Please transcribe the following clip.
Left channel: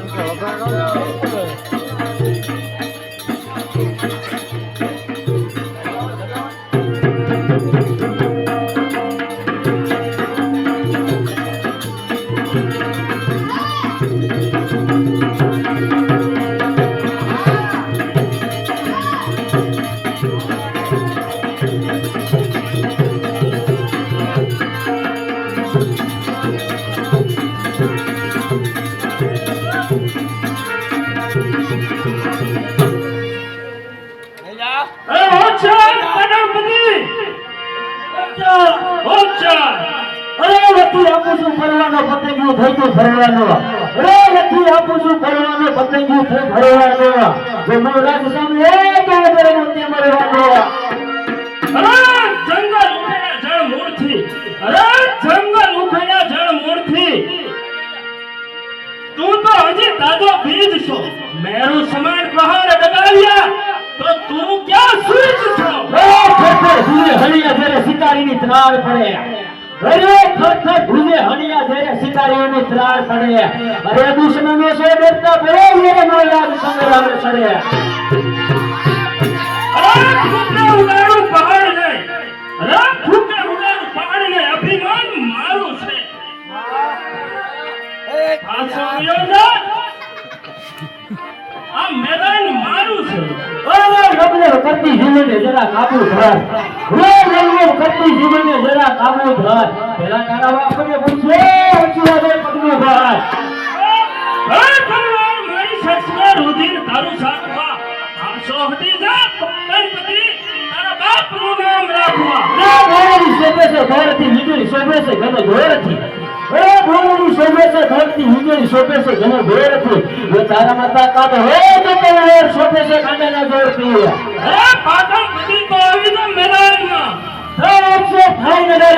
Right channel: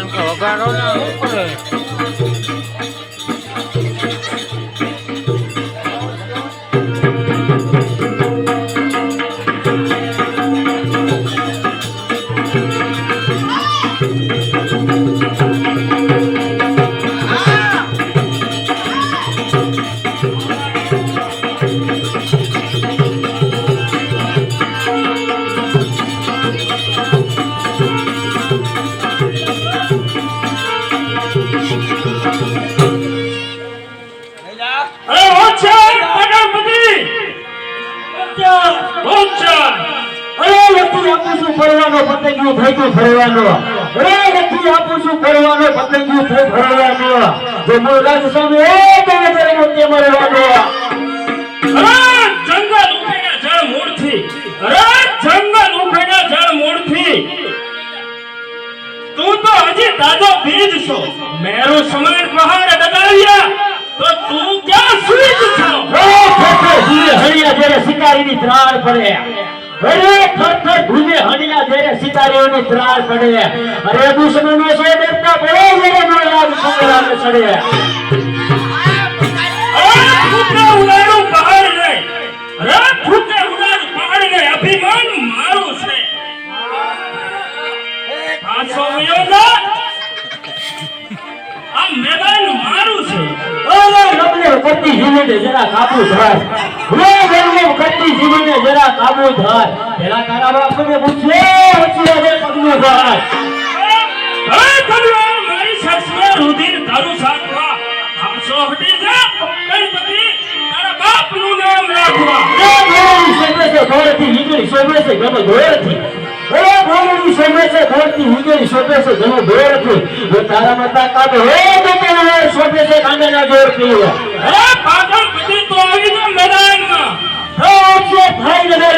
કારણ કે વગાડો ને શું કરે ફરવાનો પતંગિયું ભેગું ફરવાનો રે નથી આપું છું ફરવાનો પતંગિયું ફરવાનો જે મૂળ રાજ સામે એ તમે જરે મોતે મરવાનો અરે જંગલ ઉખેડા જળ મૂળથી તું તો હજી તાજો બીજ છો મેરુ સમાન પહાડ દગાવ્યા તો તું ક્યાં સુઈ છો હરિયા જયારે શિકારીની ત્રાળ પડે અરે થર ભૂલે હણિયા જેરે સિતારીઓની ત્રાળ પડે અરે દુશ્મનો સો દેવતા પડે જેરે નો લાગ સુગરાનો ચડે અરે ફૂટે ઉડાડું પહાડ નહીં અરે ફૂટે ઉડાડું પહાડ નહીં અભિમાન મારું છે આસો વયો આ મેદાન મારું છે ઓય નબળે કરતી જીવને જરા કાબુ ધર ઓય નબળે કરતી જીવને જરા કાબુ ધર પેલા તારા બાપને પૂછે ઉચી દે પગનો ધર હે ભગવાન મારી સસરા રુધિર તારું સાકવા આસો હટી જા ગણપતિ તારા બાપનું નામ રાખવા એ બોલી સોમે છે ધોરથી વીજળી સોમે છે ઘણો ધોરથી એ બોલી સોમે છે ધોરથી વીજળી સોમે છે ઘણો ધોરથી એ તારા માતા કાઢો એ તો તને સોમે છે કાંગના જોરથી હે પાગલ બધી તો આવી જો મેદાનમાં છે થાઈ ને